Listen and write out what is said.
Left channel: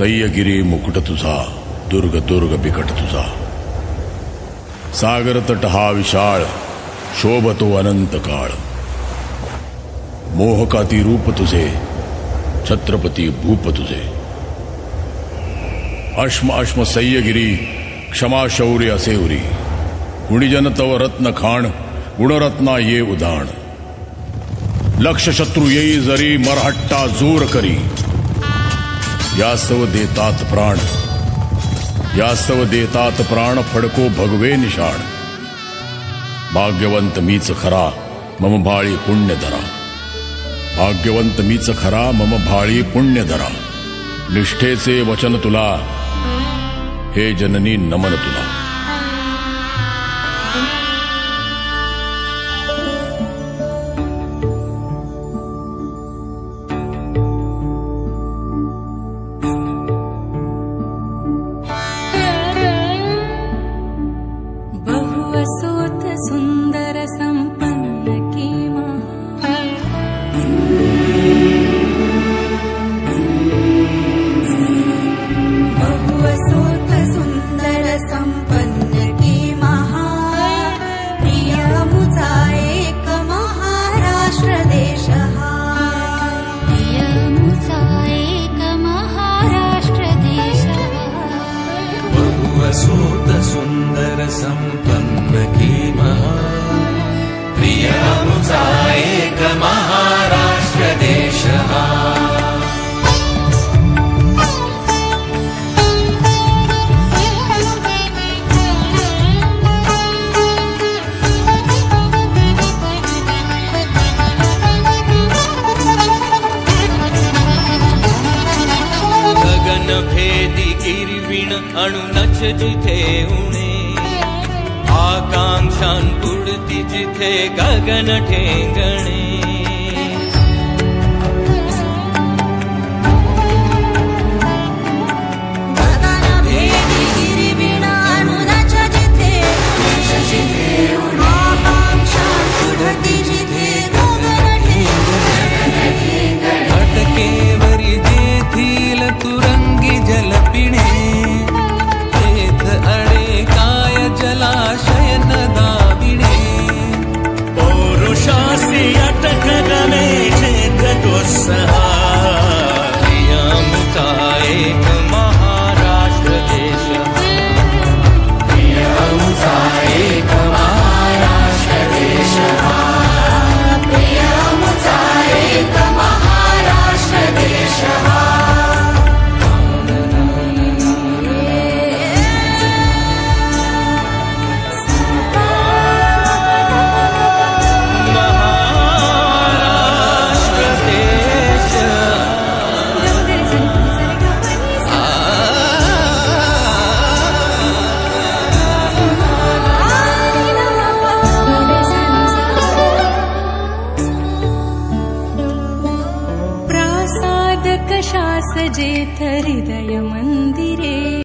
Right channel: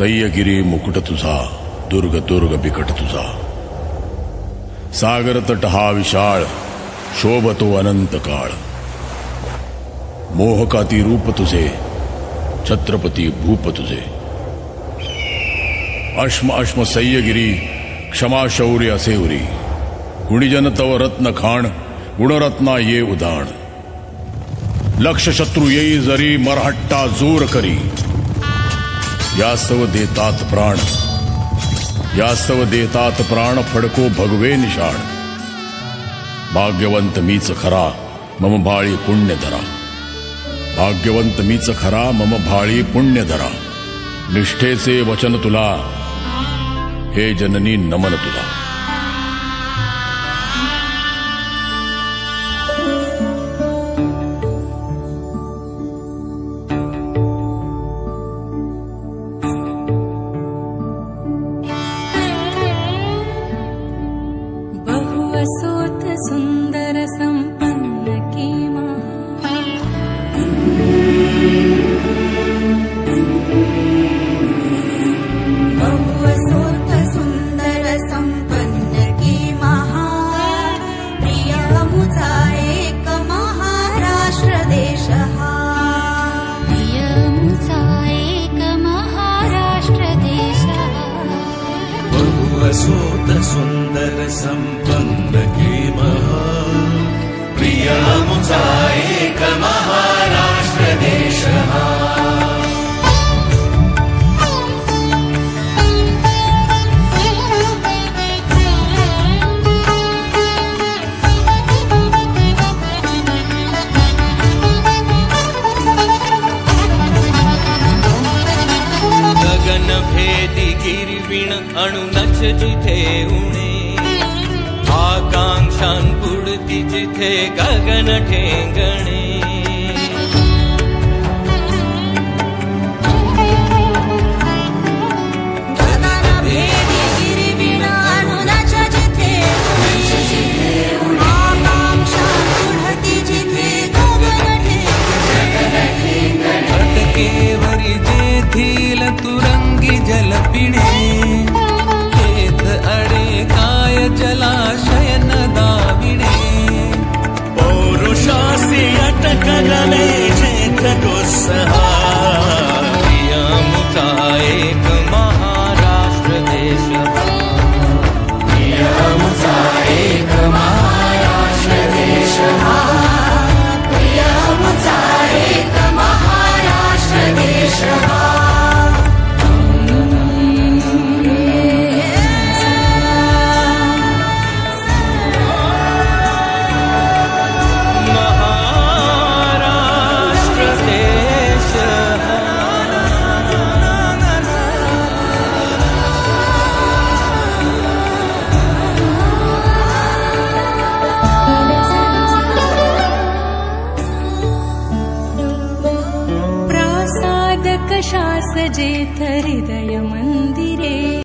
सह्यगिरी मुकुट तुझा, दुर्ग दुर्ग बिकट तुझा। सागर तट हा विशाळ, शोभतो अनंत काळ। मोहकाती रूप तुझे, छत्रपती भूप तुझे। अश्म अश्म सह्यगिरी, क्षमा शौर्य असे उरी। गुणीजन तव रत्न खाण, गुणरत्ना ये उदाण। लक्ष शत्रु येई जरी, मरहट्टा जोर करी। यास्तव देतात प्राण, यास्तव देतात प्राण, फडको भगवे निशाण। भाग्यवंत मीच खरा, मम भाळी पुण्य धरा। भाग्यवंत मीच खरा, मम भाळी पुण्य धरा। निष्ठेचे वचन तुला, हे जननी नमन तुला। बहुअसोत सुंदर संपन्न कीमा। बहुअसोत सुंदर संपन्न कीमा। प्रिय मुझा एक महाराष्ट्र देश हा। प्रिय मुझा एक महाराष्ट्र देश हा। बहुअसोत सुंदर संपन्न कीमा। प्रिय मुझा एक महाराष्ट्र देश हा। गगन भेदी गिरविण अणुनच जिथे उणे। आकांक्षां पुढती जिथे गगन ठेंगणे। गगन भेदी गिरविण अणुनच जिथे उणे। आकांक्षां पुढती जिथे गगन ठेंगणे। अटकेवरी जेथील तुरंगी जल पिणे। तेथ अडे काय जलाशय न दाविणे। पौरुषासी अटक गमे जेथ दुस्सहा। प्रिय मुझा एक महाराष्ट्र देश हा। प्रिय मुझा एक महाराष्ट्र देश हा। प्रिय मुझा एक महाराष्ट्र देश हा। प्रासाद कशास जेथ हृदय मंदिरे।